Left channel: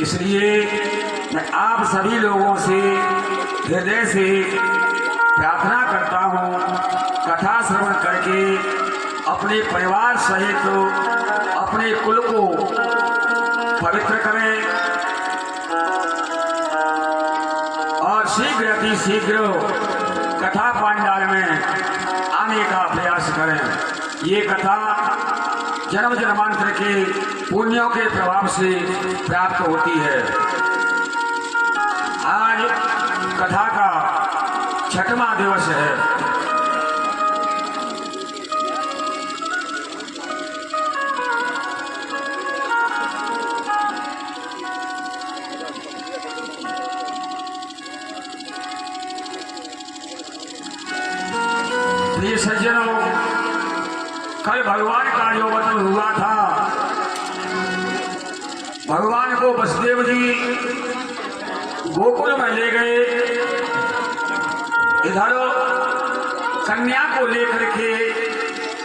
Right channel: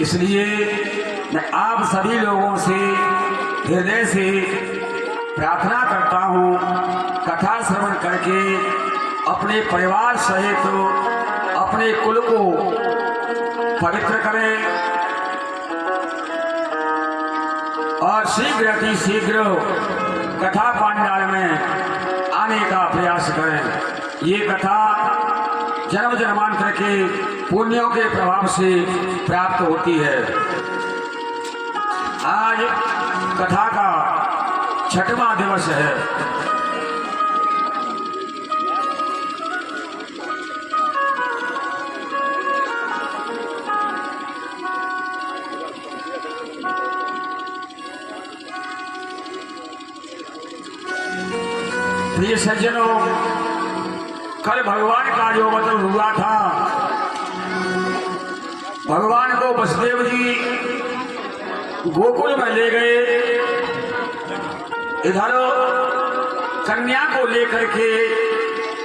इसलिए मैं आप सभी लोगों से हृदय से प्रार्थना करता हूँ, कथा श्रवण करके अपने परिवार सहित अपने कुल को पवित्र करें और शीघ्र अति शीघ्र कथा पांडाल में आने का प्रयास करें। ये कथा जन्म जन्मांतर के पुण्यों के प्रभाव से प्राप्त होती है। आज कथा का 6वां दिवस है। प्रिय सज्जनों, कल भगवान का जो अवतरण हुआ था, भगवान को वसुदेव जी गोकुल में ले गए, इधर कन्या को लेकर के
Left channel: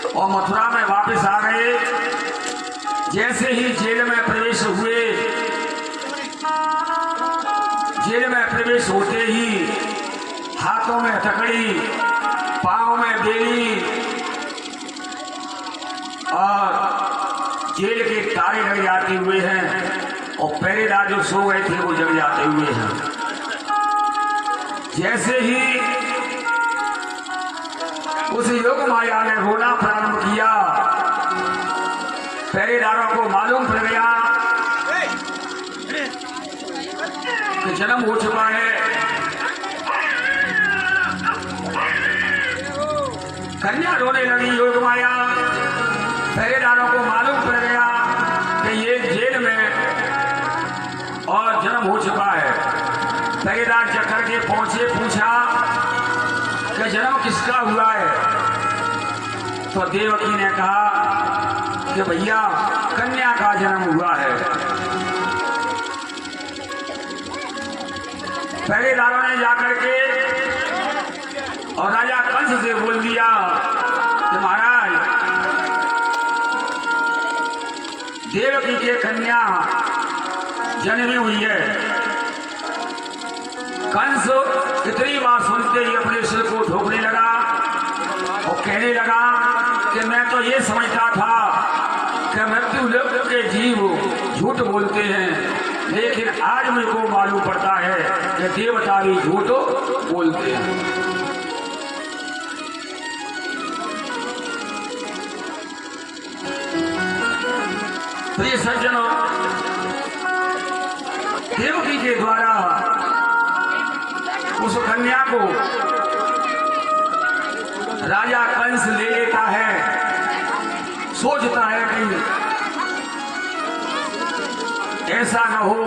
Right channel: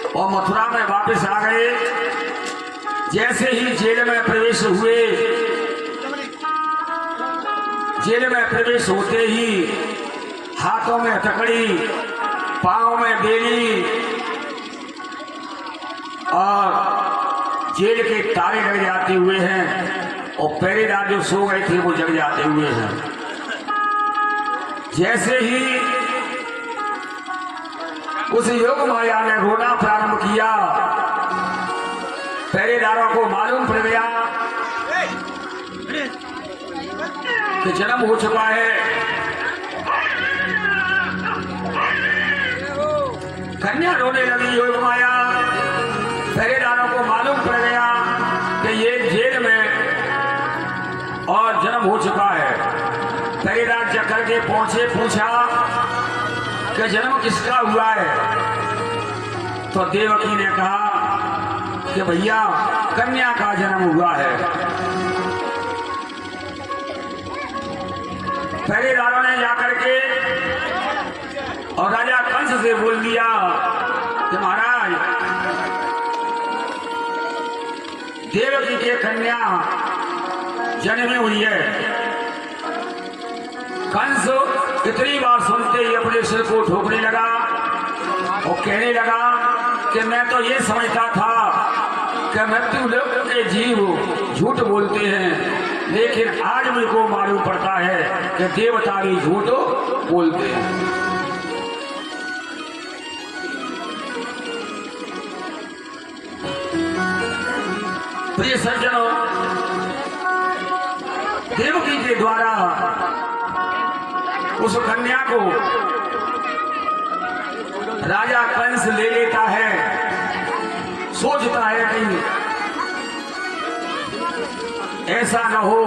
और मथुरा में वापस आ गए। जैसे ही जेल में प्रवेश हुए, जेल में प्रवेश होते ही हाथों में हथकड़ी, पाँव में बेली और जेल के तारे लग जाते हुए हैं और पहरेदार जो सो गए थे वो जग जाते हुए हैं। जैसे ही उस योग माया ने रोना प्रारंभ किया, पहरेदारों को मालूम पड़ गया कि जन्म हो चुका है। कन्या रोने लगी योग माया, पहरेदारों को मालूम पड़ गया कि ये जेल में और जन्म हो चुका है। पहरेदार जग करके पहुंचे, पूछा कि जन्म किसका हुआ है। तो देवकी ने कहा कि भैया कन्या का जन्म हुआ है। पहरेदारों ने जाकर के और राजा कंस से बोल दिया कि महाराज देवकी के कन्या जन्मी हुई है। कंस कितनी बार सुनते ही अपने सिर को ठोकने लगा और कहने लगा कि मैं तो ये समझता था कि मृत्यु लोक के जीव झूठ बोलते हैं, लेकिन आज मेरे को मालूम पड़ता है कि देवता भी झूठ बोलते हैं। प्रिय सज्जनों, देवकी के द्वारा उस कन्या को राजा कंस ले लेता है। सोचता है कि ऐसा न हो,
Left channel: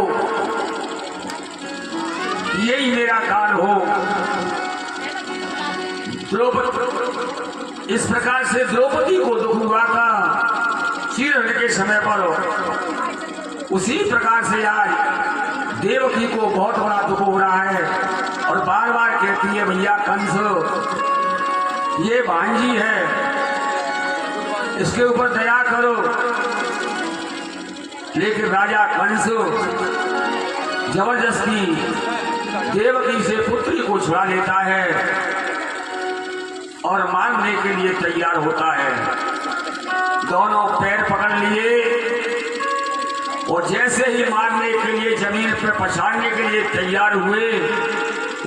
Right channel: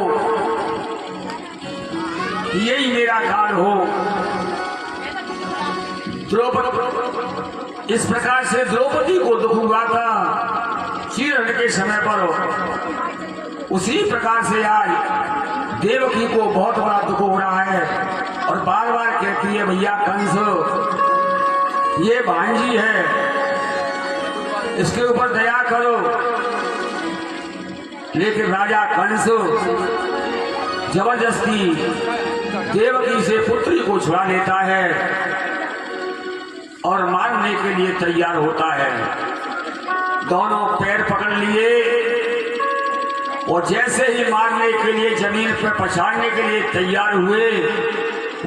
यही मेरा काल हो। द्रौपदी, इस प्रकार से द्रौपदी को दुख हुआ था चीरहरण के समय पर, उसी प्रकार से आज देवकी को बहुत बड़ा दुख हो रहा है और बार बार कहती है भैया कंस ये भांजी है, इसके ऊपर दया करो। लेकिन राजा कंस जबरदस्ती देवकी से पुत्री को छुड़ा लेता है और मारने के लिए तैयार होता है। दोनों पैर पकड़ लिए और जैसे ही मारने के लिए जमीन पर पछाड़ने के लिए तैयार हुए,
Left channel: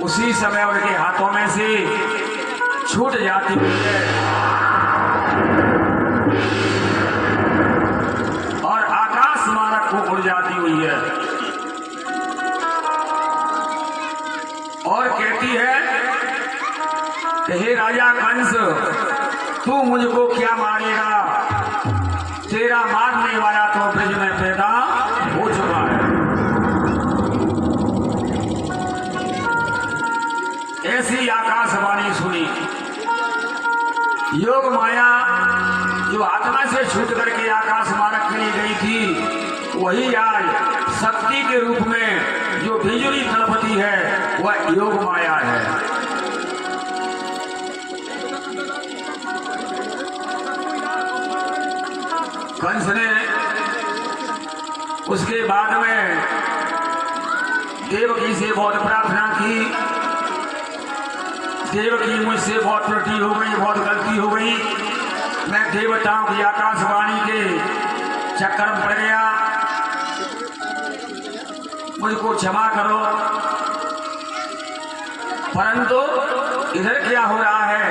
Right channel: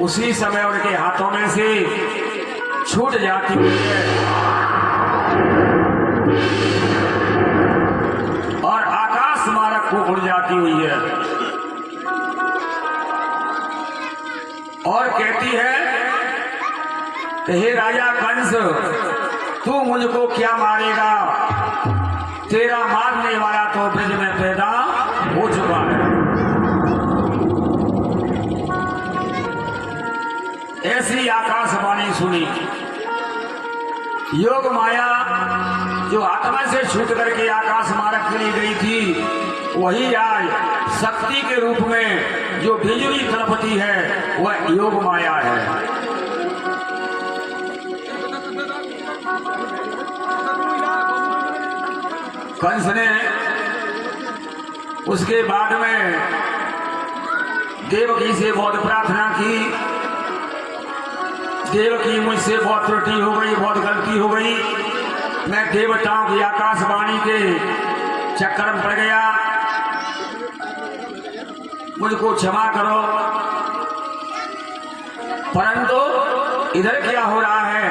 उसी समय उनके हाथों में से छूट जाती हुई है और आकाश मार्ग को उड़ जाती हुई है और कहती है कि हे राजा कंस, तू मुझको क्या मारेगा? तेरा मारने वाला तो ब्रज में पैदा हो चुका है। ऐसी आकाशवाणी सुनी। योग माया जो आत्मा से छूट करके आकाश मार्ग के लिए गई थी, वही आज शक्ति के रूप में जो बिजली तड़पती है वह योग माया है। कंस ने उसके बाद में देवकी से बहुत प्रार्थना की, देवकी मुझसे बहुत त्रुटि हो गई, बहुत गलती हो गई, मैं देवताओं की आकाशवाणी के चक्कर में पड़ गया, मुझको क्षमा करो। परंतु इधर क्या हो रहा है?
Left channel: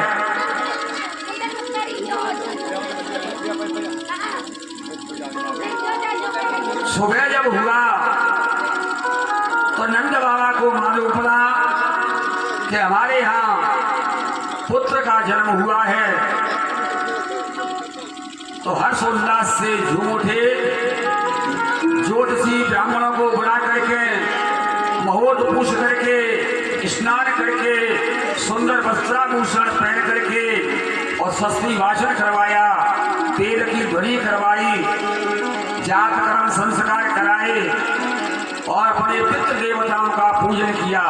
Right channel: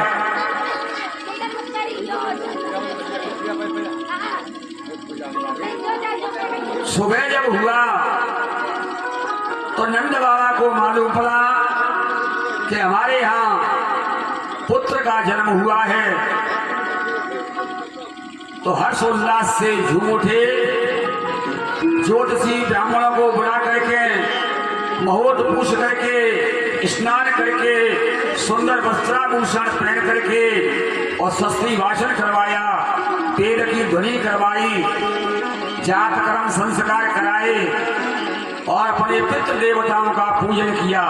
सुबह जब हुआ तो नंद बाबा को मालूम पड़ा कि हमारे यहाँ पुत्र का जन्म हुआ है, तो हर्षोल्लास से झूम उठे, ज्योतिषी ब्राह्मणों को बुला करके महोट पूछ करके स्नान करके सुंदर वस्त्राभूषण पहन करके और सस्ती भाषण करवाया, तेल की ध्वनि करवाई, जात कर्म संस्कार कराए और अपने पितृ देवताओं का पूजन किया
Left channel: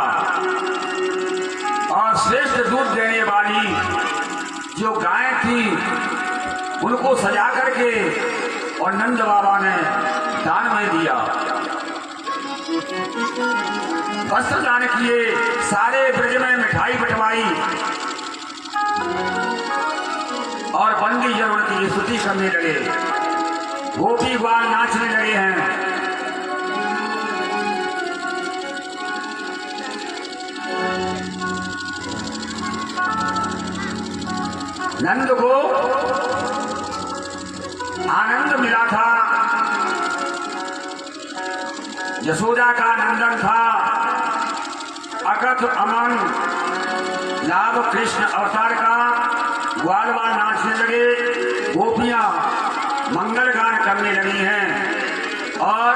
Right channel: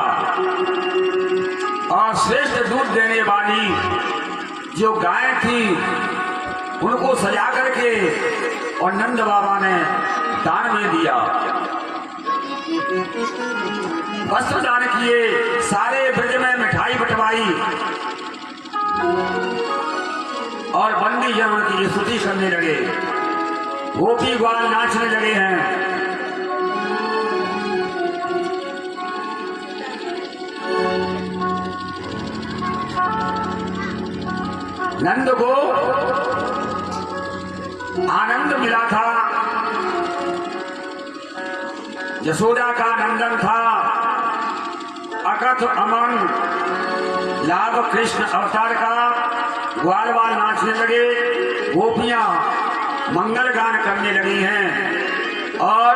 और श्रेष्ठ दूध देने वाली जो गाय थी उनको सजा करके और नंद बाबा ने दान में दिया, वस्त्र दान किए, सारे ब्रज में मिठाई बंटवाई और बंदी जन उनकी स्तुति करने लगे, गोपी ग्वाल नाचने लगे हैं। नंद को आनंद मिला था, यशोदा का नंदन था, अकथ अमन लाभ कृष्ण अवतार का, ग्वाल बाल नाचने लगे, गोपियां मंगल गान करने लगी हैं और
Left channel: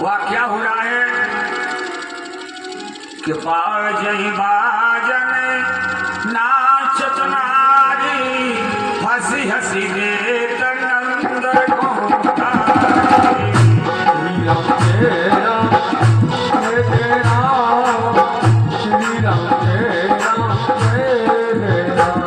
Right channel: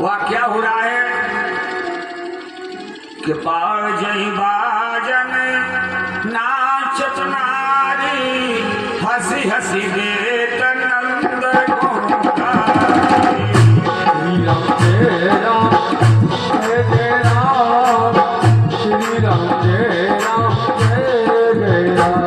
वह क्या हो रहा है कि बाजई बाजन नाचत नारी हंसी हंसी देत नंद को श्री राम जय राम जय जय राम, श्री राम जय राम जय जय राम।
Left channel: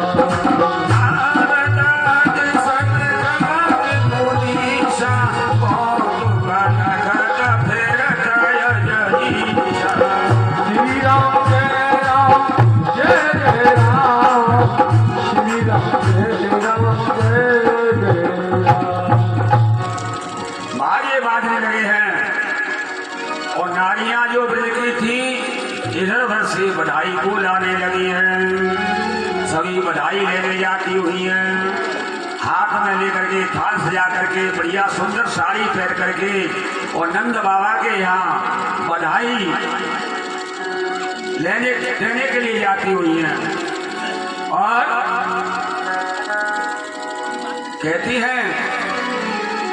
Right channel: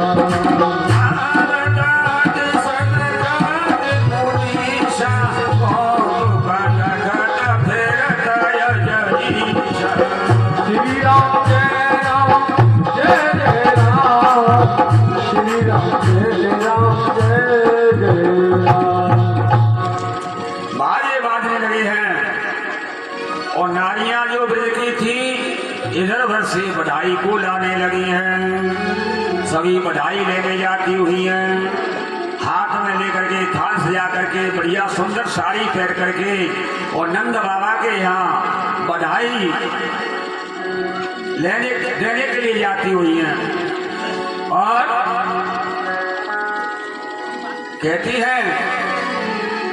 बाजे बाजने लगे हैं और नारियां जो ब्रज की थी इधर उधर से बधाई को लाने लगी हैं, सभी बधाई लेने जाती हुई हैं, हाथ में लेकर के थाल सजा करके बढ़िया सुंदर साड़ी पहन करके और नंद बाबा के यहाँ बधाई देने के लिए जाती हुई हैं और कहती है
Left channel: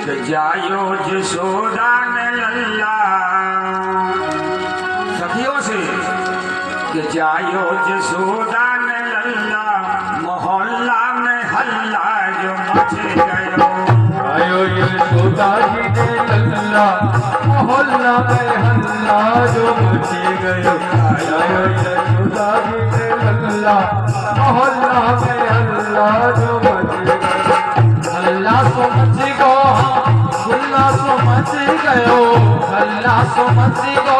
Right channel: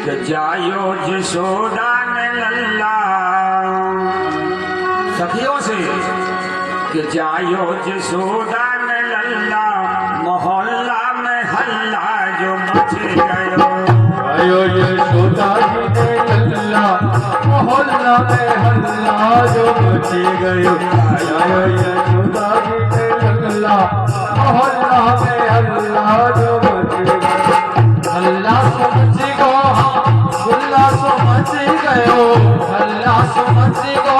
कि जायो जसोदा ने लल्ला, सखियों से कि जायो जसोदा ने लल्ला, मोहल्ला में हल्ला जो मचे गयो, जायो जसोदा जी ने लल्ला, मोहल्ला में हल्ला जो मचे गयो, जायो जसोदा जी ने लल्ला, मोहल्ला में हल्ला जो मचे गयो, हल्ला सो मची गो, हुल्ला सो मची गयो, हल्ला सो मची गो,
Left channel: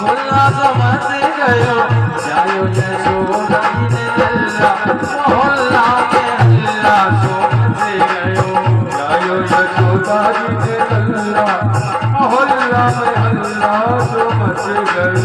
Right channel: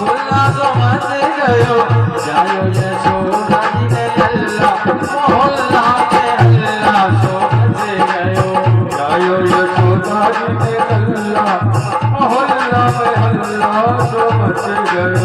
हुल्ला सो मची गयो, जायो यशोदा जी ने लल्ला, मोहल्ला में हल्ला सो मची गयो, जायो यशोदा जी ने लल्ला, मोहल्ला में हल्ला सो मची गयो।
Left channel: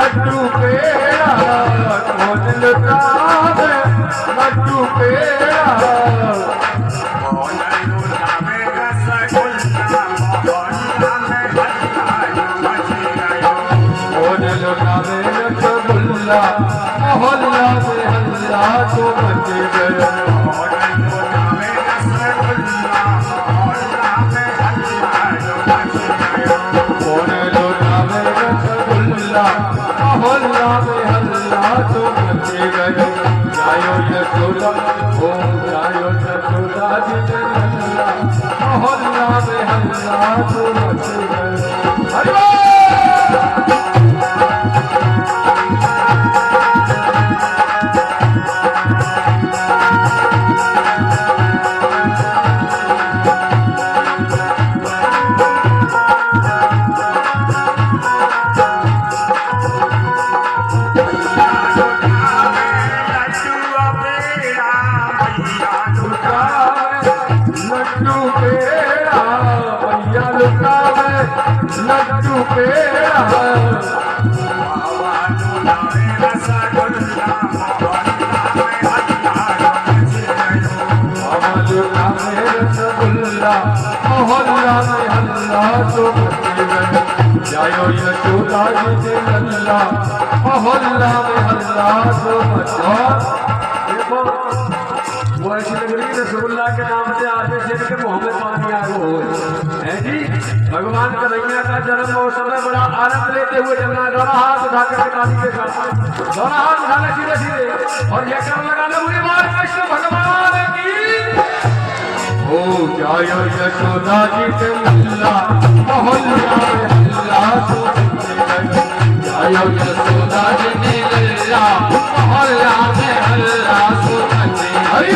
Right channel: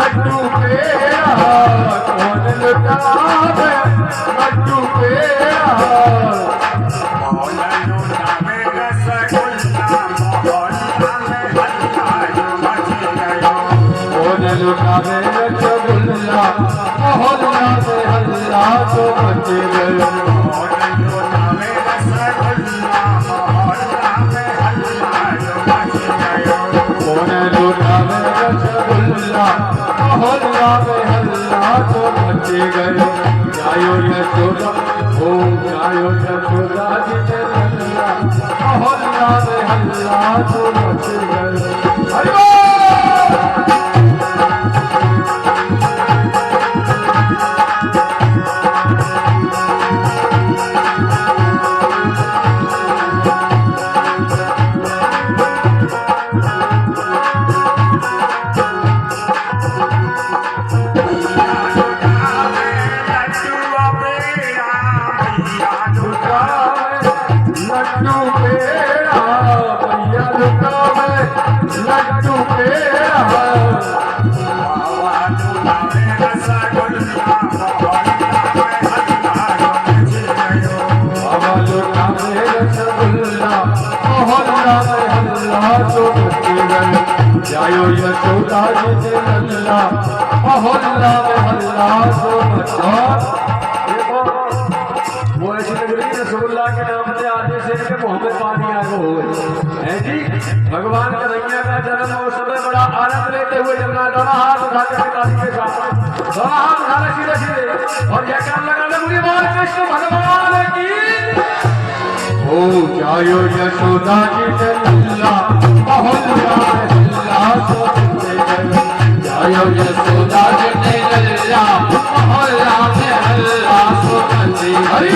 लड्डू पेड़ा कौन लुटावे लड्डू पेड़ा कौन लुटावे रसगुल्ला मोहल्ला में हल्ला जो मचे गयो, कौन लुटावे रसगुल्ला मोहल्ला में हल्ला जो मचे गयो, कौन लुटावे रसगुल्ला मोहल्ला में हल्ला जो मचे गयो, कौन लुटावे रसगुल्ला मोहल्ला में हल्ला तो बचे गए गायो यशोदा ओ गायो यशोदा जी नल्ला मोहल्ला में हल्ला तो बचे गए हरि बोल। लड्डू पेड़ा बाबा लोटा में रसगुल्ला मोहल्ला में हल्ला तो बचे गए जायो यशोदा जी नल्ला मोहल्ला में हल्ला तो बचा। वो ऐसी नगरी रसगुल्ला के नाम से आगे से मोहम्मद पानी आ है जी। भगवान कन्हैया का जन्म महोत्सव में बड़ा आनंद लेते हुए जगना दोनों हाथ उठा कर ताली के साथ दोनों हाथ उठाने सीधे सीधे और यह काम लगाने मुझे कृष्ण भगवान की ओ जायो यशोदा जी नल्ला मोहल्ला में हल्ला तो जायो यशोदा जी नल्ला मोहल्ला में हल्ला तो हरि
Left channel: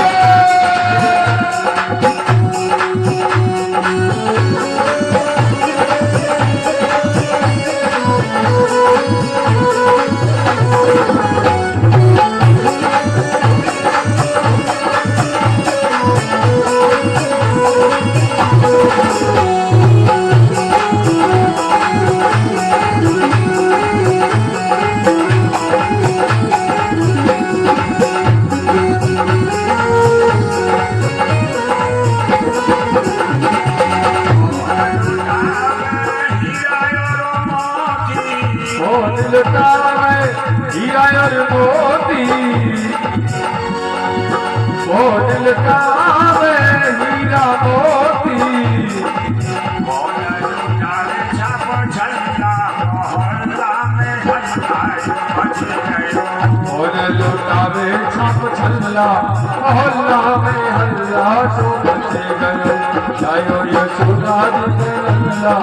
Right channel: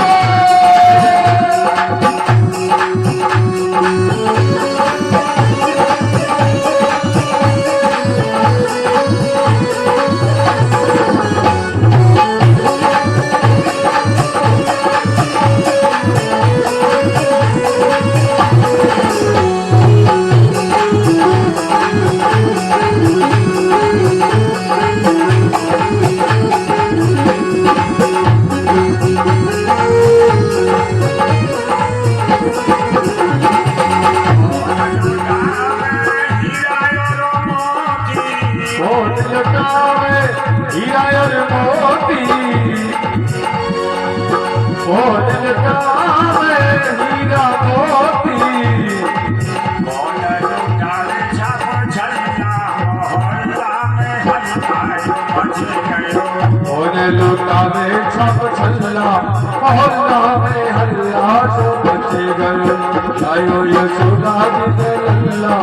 मोहल्ला में हल्ला तो बचे गए जायो यशोदा जी नल्ला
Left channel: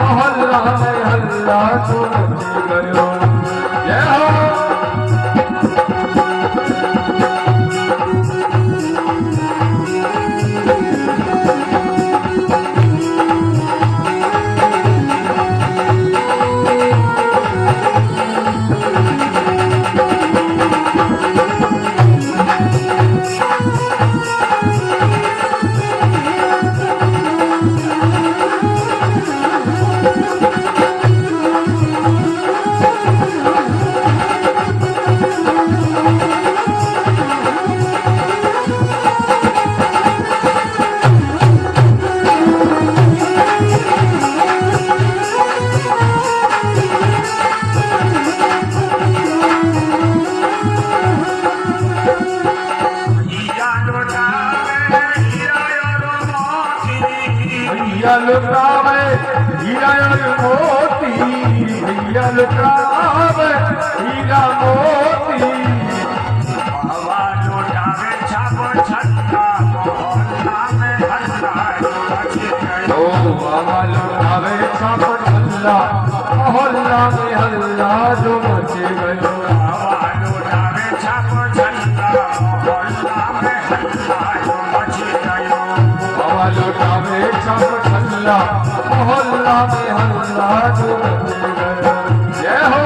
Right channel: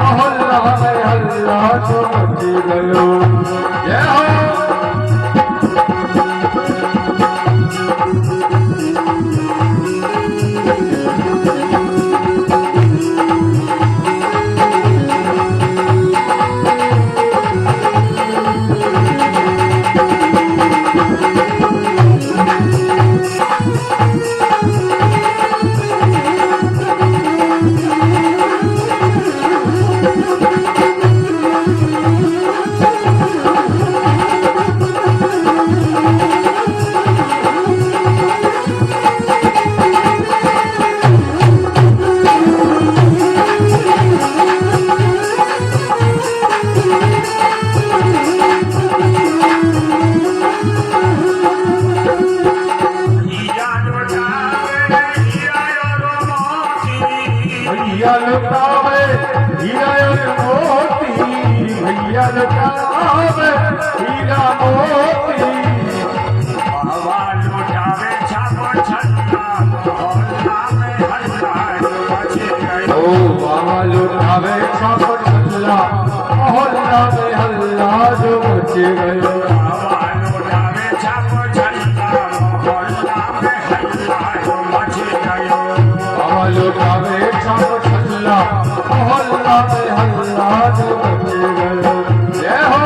मोहल्ला में हल्ला तो बचे गए जय हो। लुटावे हीरा मोती भैया लुटावे हीरा मोती बाबा लुटावे छापो छल्ला मोहल्ला में हल्ला तो बचे गए ओ बाबा लुटावे छापो छल्ला मोहल्ला में हल्ला जो बचे गए बाबा लुटावे छापो छल्ला मोहल्ला में हल्ला तो बचे गए बाबा लुटावे छापो छल्ला मोहल्ला में हल्ला जो बचे गए जय हो।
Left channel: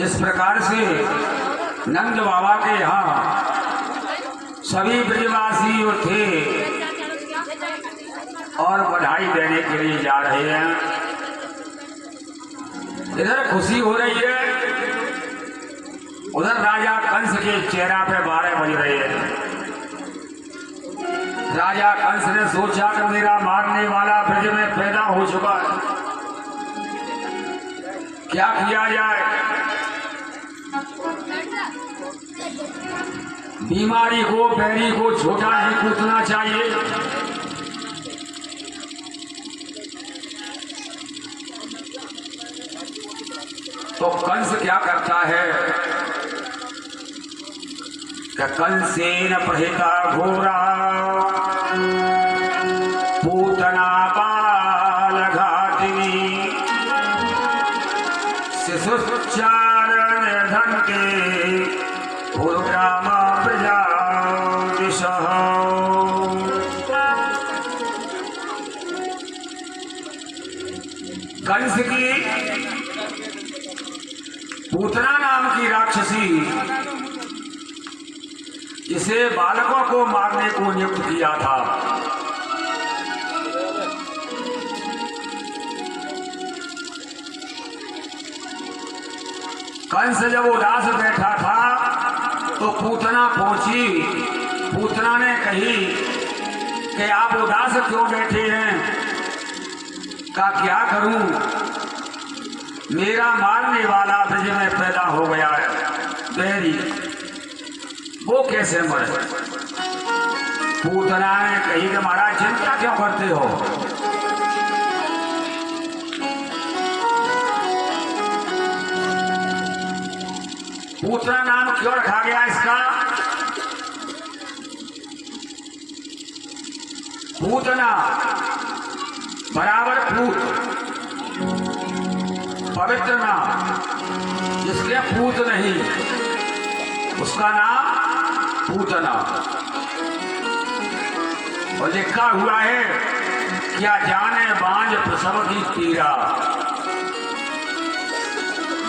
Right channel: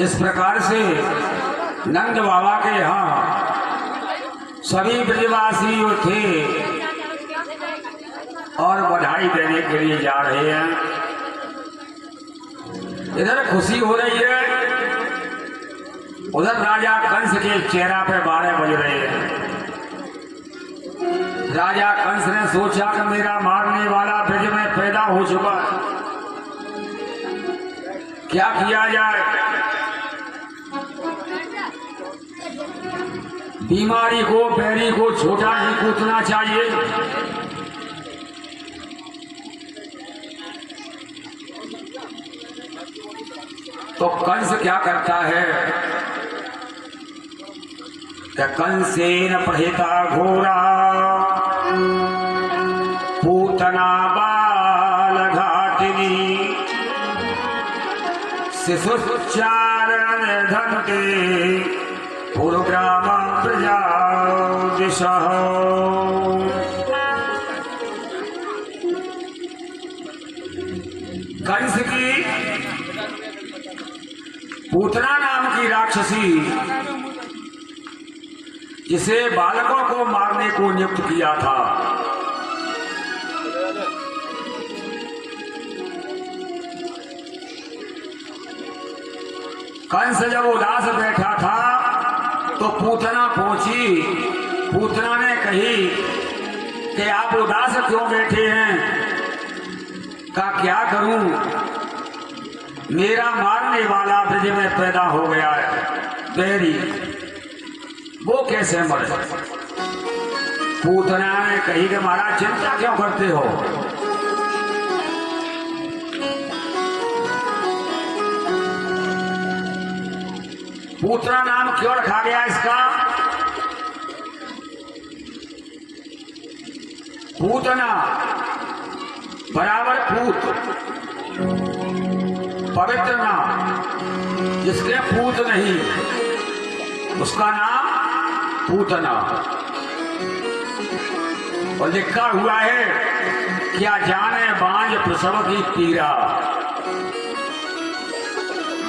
इस प्रकार से नंद बाबा के यहाँ सभी ब्रजवासी थे और बधाई देने के लिए जा रहे हैं। इधर खुशी हो रही है, उधर राजा कंस के चेहरा पे 12 बज रहे हैं। राजा कंस ने सोचा कि मेरा मारने वाला ब्रज में पैदा हो चुका, क्या किया जाए। बीमारी को, बैरी को छोटा ही कूदना चाहिए। तो कंस क्या करता है कि कंसेन प्रहिता घोरा पूतना बाल घातिनी शिशुच्चारण धनते पूर्वग्राम प्रजा दिशः। कंस की पूतना नाम की राक्षसी, जिसे बालकों को मारने को नियुक्त किया था, कंस जब उदास बैठा था तो पूतना पहुंची। पूतना ने कही कि आप उदास क्यों बैठे हैं। का क्या करूं, मेरा मारने वाला ब्रज में पैदा हो गया है, बैरी, वो कैसे मरे। पूतना ने कही कि महाराज चिंता क्यों करते हो, पूतना नाम क्यों रखा गया इसका। पूतना बराबर पूत, पवित्र नाम, जिसके पूत नहीं उसका नाम पूतना। और लिखा हुआ है, क्या जाने बांझ प्रसव की पीड़ा।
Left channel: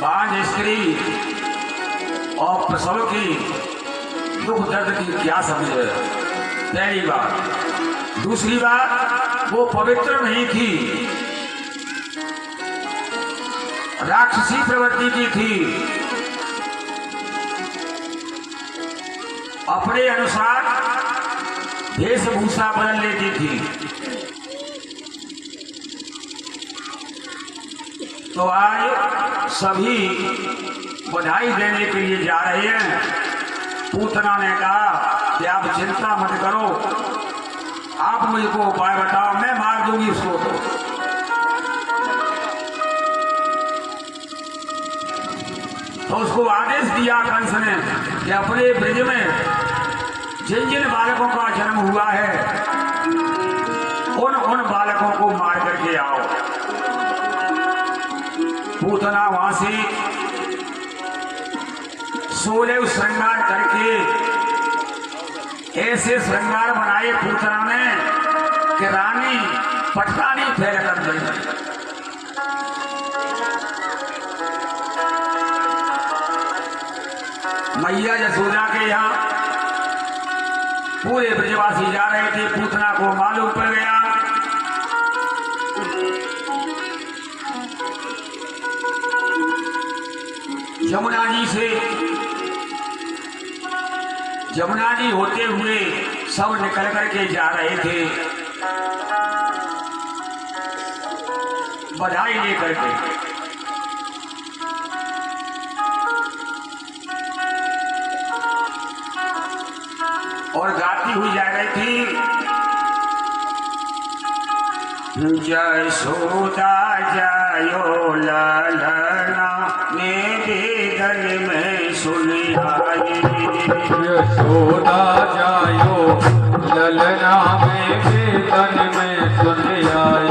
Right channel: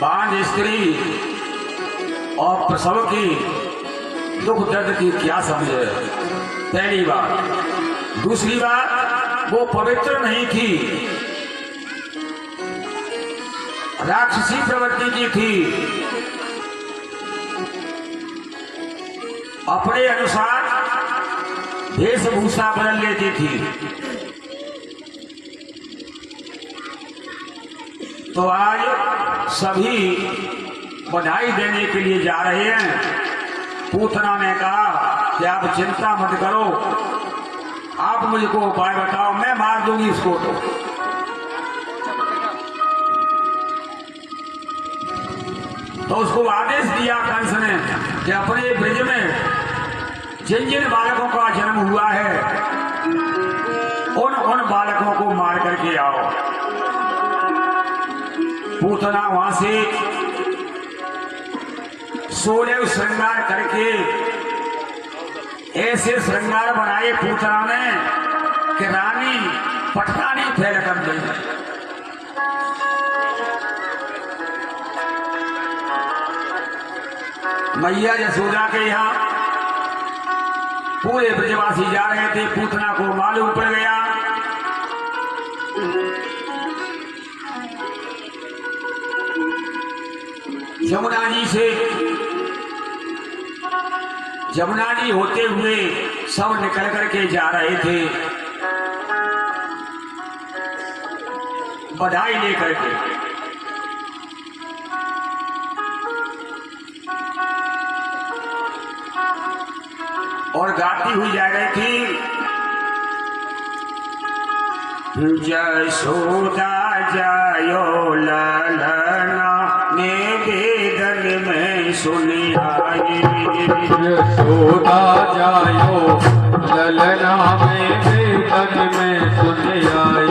बांझ स्त्री और प्रसव की दुख दर्द की क्या समझे, पहली बात। दूसरी बात, वो पवित्र नहीं थी, राक्षसी प्रवृत्ति की थी, अपने अनुसार वेशभूषा बदल लेती थी। तो आज सभी बधाई देने के लिए जा रहे हैं। पूतना ने कहा कि आप चिंता मत करो, आप मुझको उपाय बताओ, मैं मार दूंगी इसको। तो उसको आदेश दिया कंस ने कि अपने ब्रज में जिन जिन बालकों का जन्म हुआ है उन बालकों को मार करके आओ। पूतना वहां से 16 श्रृंगार करके ऐसे श्रृंगार बनाए पूतना ने कि रानी पटकानी फैल कर गई। मैया यशोदा के यहाँ पूरे ब्रजवासी जा रहे थे। पूतना को मालूम पड़ गया, जमुना जी होते हुए सब निकल करके जा रहे थे बधाई लेकर के। और गाती हुई जा रही थी, यशोदा जायो ललना में वेदन में सुनी आई। यशोदा जायो ललना में वेदन में सुनी आई।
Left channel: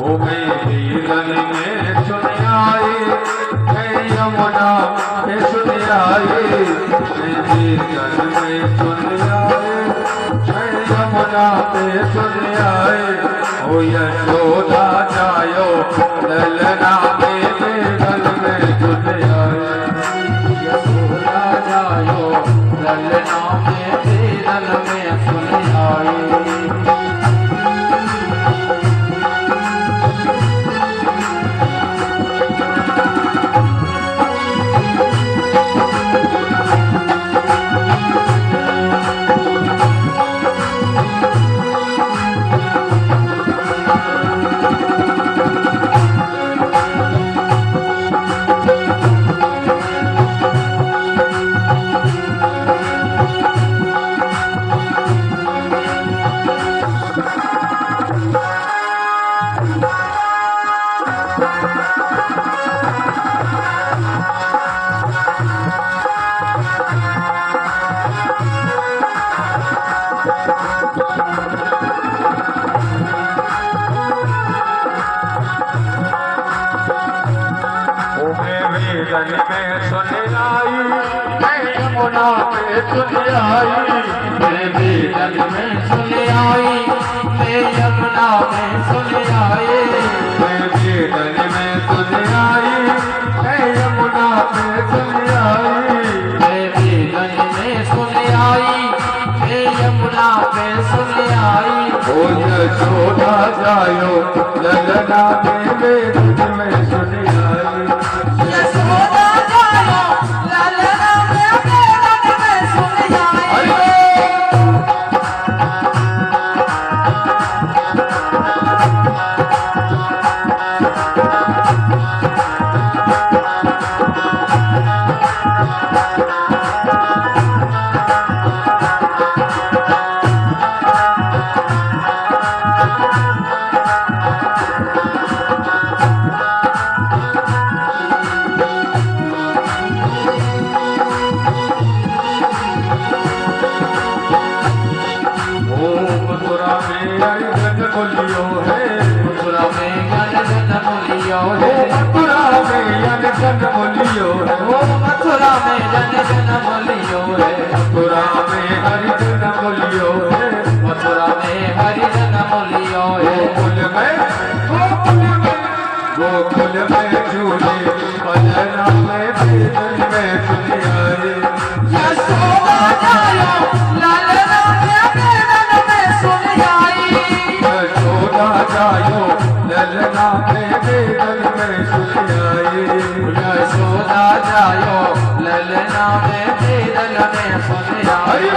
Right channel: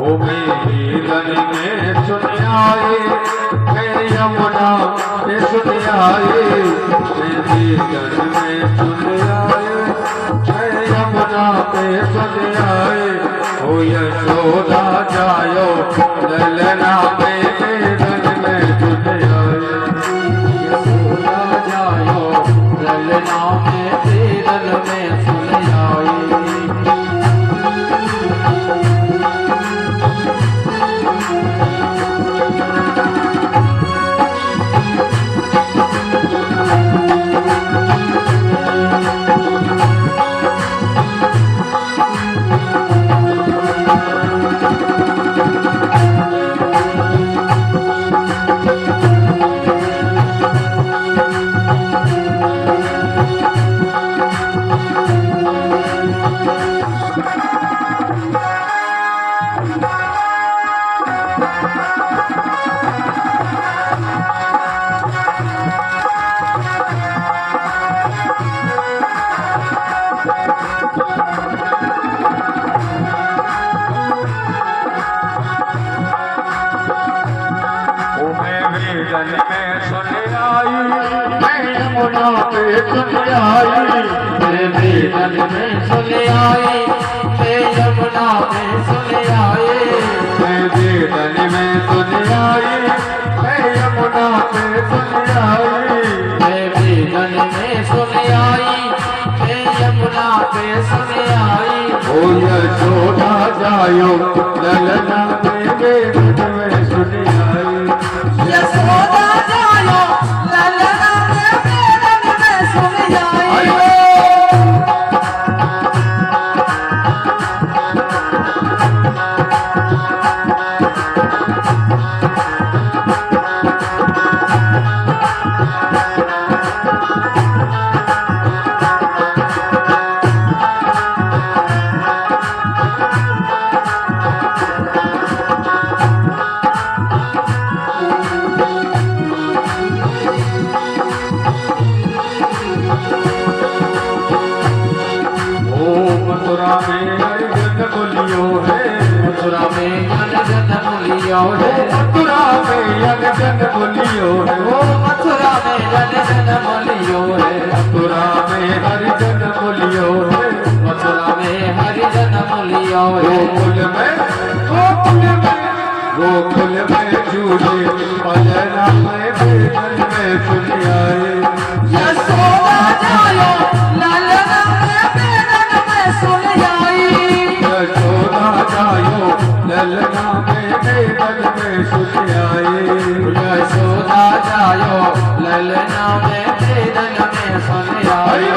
ओ में वेदन में सुनी आई, यमुना में सुनी आई। वेदन में सुनी आई, यमुना में सुनी आई। ओ यशोदा जायो ललना में वेदन ललना में बेदन में सुन आई। बेदन में सुन आई, मैं यमुना पे सुन आई। मैं बेदन में सुन आई, मैं यमुना में सुन आई। मैं बेदन में सुन आई, मैं यमुना पे सुन आई। मैं बेदन में सुन आई, मैं यमुना पे सुन आई। ओ यशोदा जायो ललना में बेदन में सुन आई। यशोदा जायो ललना में बेदन में सुन आई। मथुरा में हरि जन्म लियो है। मथुरा में हरि जन्म लियो है। मथुरा में हरि जन्म लियो है। मथुरा में हरि जन्म लियो है। मथुरा में हरि जन्म लियो है। मथुरा में हरि जन्म लियो है। गोकुल में झूले पलना में बेदन में सुन आई। यशोदा जायो ललना में बेदन में सुन आई। यशोदा जायो ललना में बेदन में सुन आई। यशोदा जायो ललना में बेदन में सुन आई।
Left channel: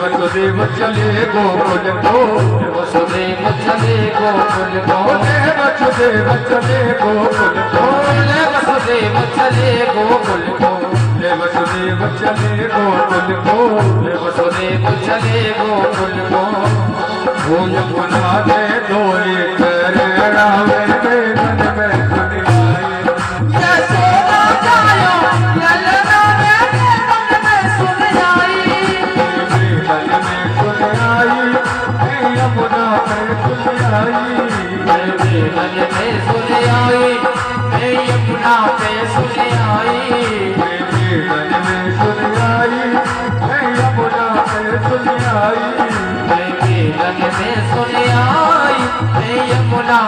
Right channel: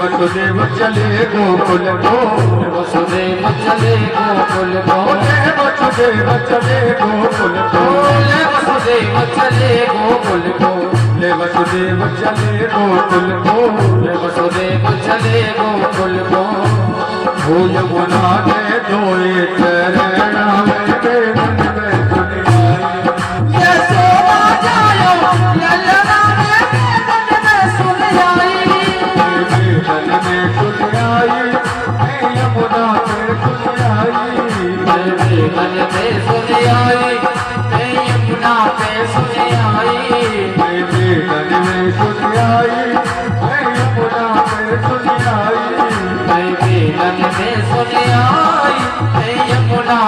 वसुदेव चले गोकुल को। वसुदेव चले गोकुल को। वसुदेव चले गोकुल को। वसुदेव चले गोकुल को। वसुदेव चले गोकुल को। वसुदेव चले गोकुल को। भूल बुला में धोए चरणा में बेदन में सुन आई। यशोदा जायो ललना में बेदन में सुन आई। बेदन में सुन आई, मैं यमुना में सुन आई। मैं बेदन में सुन आई, मैं यमुना पे सुन आई। मैं बेदन में सुन आई, मैं यमुना पे सुन आई। मैं बेदन में सुन आई, मैं यमुना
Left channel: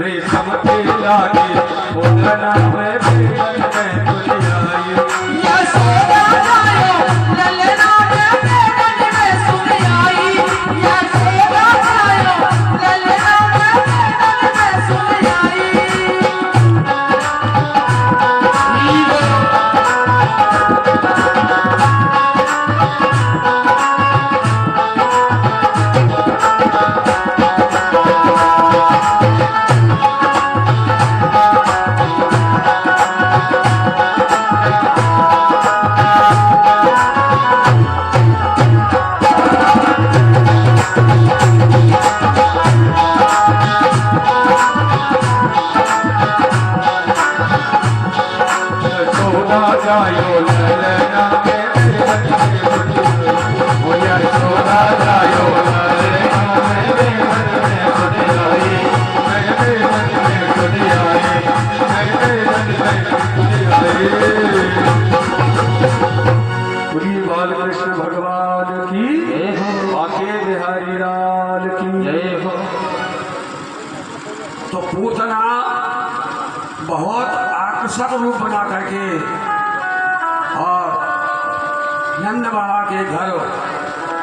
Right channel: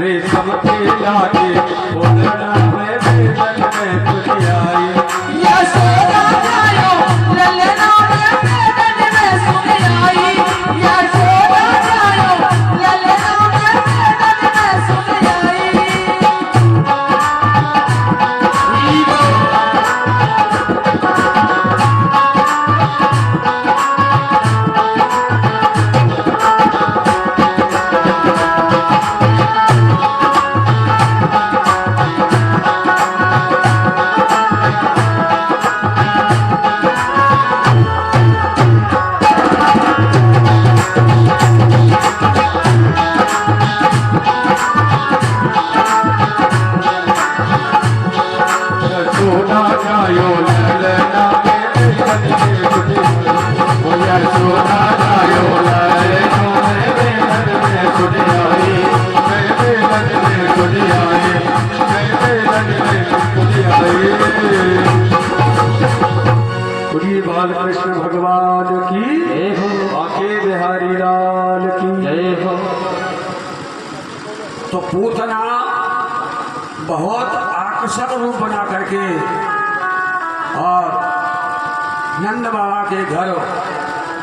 रेशम के लागे पूतना में बेलन में तुझ आई यशोदा जायो ललना में बेलन में सुन आई यशोदा जायो ललना में बेलन में सुन आई सोना जायो ललना में बेलन में तुझ आई ओ यशोदा जायो ललना में बेलन में तुझ आई मैं बेलन में तुझ आई मैं बेलन में तुझ आई बोलिए बालकृष्ण भगवान की जय हो आके बिहारी लाल की जय हो तो पूतना बहुत आकर्षक रूप बना करके और नंद बाबा के घर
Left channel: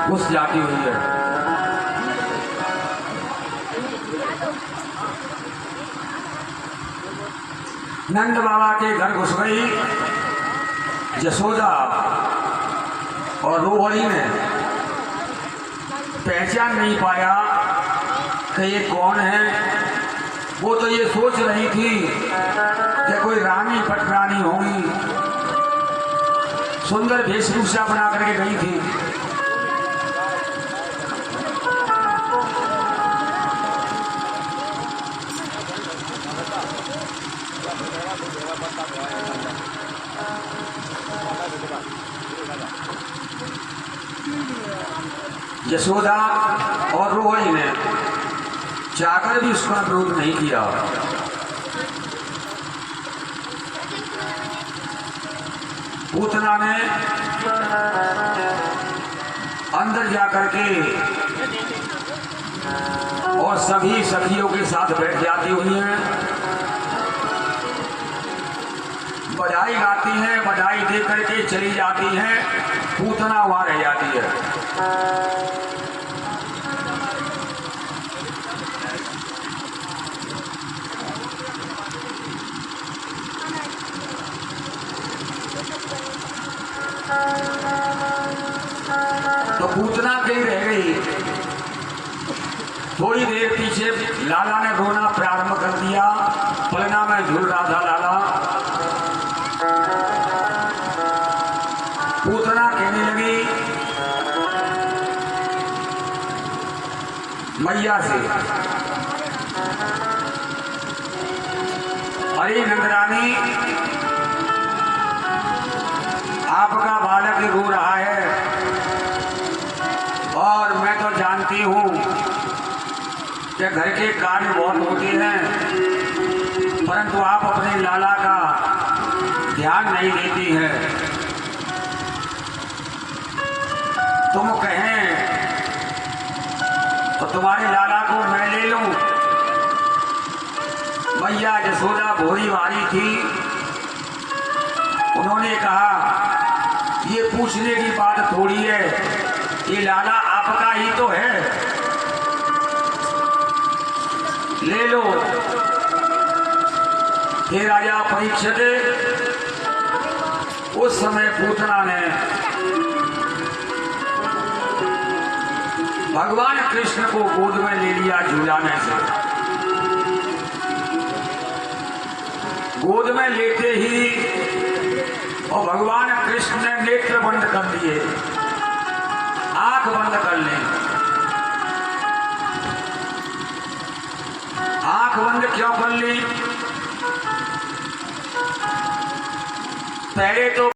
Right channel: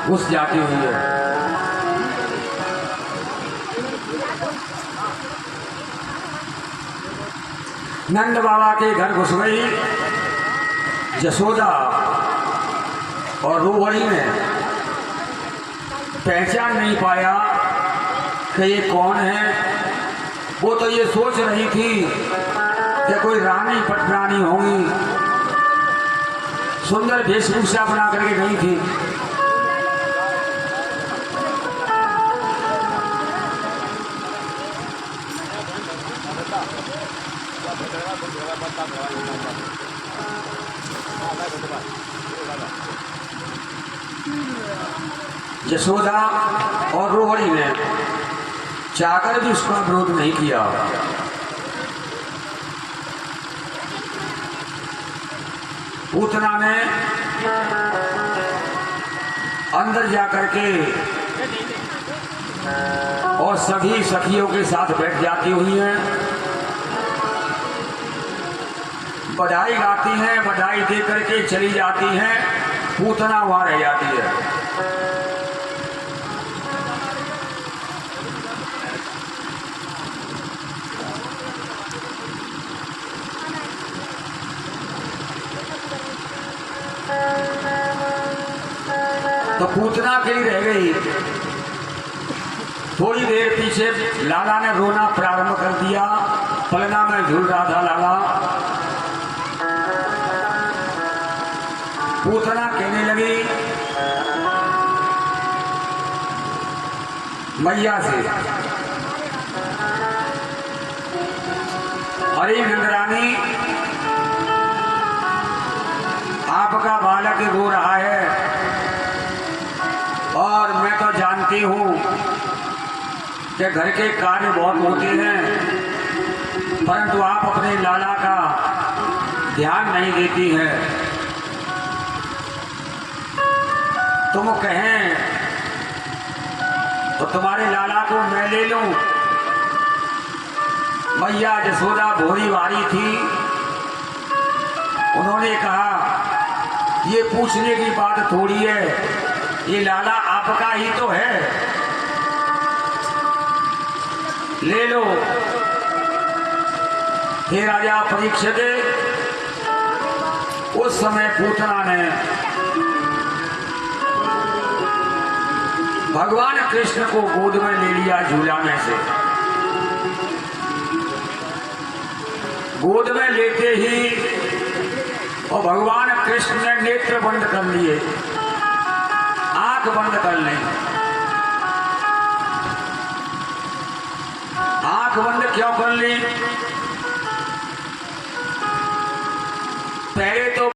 घुस जाती हुई है। नंद बाबा के घर घुस गई यशोदा और रोहिणी ने पहचान नहीं पाया कि ये कौन है। वो तो ये सोच रही थी कि कोई रानी पटरानी होंगी, सुंदर वेशभूषा बना करके गई थी। यशोदा और रोहिणी ने चाहकर भी उसका विरोध नहीं किया। पूतना ने अंदर जाकर के और सभी सखियों के साथ बैठ जाती हुई हैं, बधाई गाती हैं, बधाई दे करके चली जाती हैं। पूतना वहां रह जाती है। तो पूतना कहीं रह गई। थोड़ी देर पीछे लाला ने रोना प्रारंभ कर दिया। पलना में झूल रहा था लाला। पूतना कहने लगी मैया से, अरे नंदरानी, आपका बालक रो रहा है और मैं तो जानती हूँ कि घर के कार्य बहुत होते हैं, परंतु आप अपने लाला का ध्यान नहीं देती हैं। तुम कहें तो तुम्हारे लाला को मैं ले लूं। मैया यशोदा भोरी वाली थी। उन्होंने कहा ये पूछने की बात थोड़ी है, ये लाला आपका ही तो है, ले लो। हे राजा परीक्षित, उस समय पूतना ने भगवान कृष्ण को गोद में ले लिया झूलाने से। गोद में लेते ही और भगवान कृष्ण ने नेत्र बंद कर लिए, आंख बंद कर ली। आंख बंद क्यों कर ली? पहले तो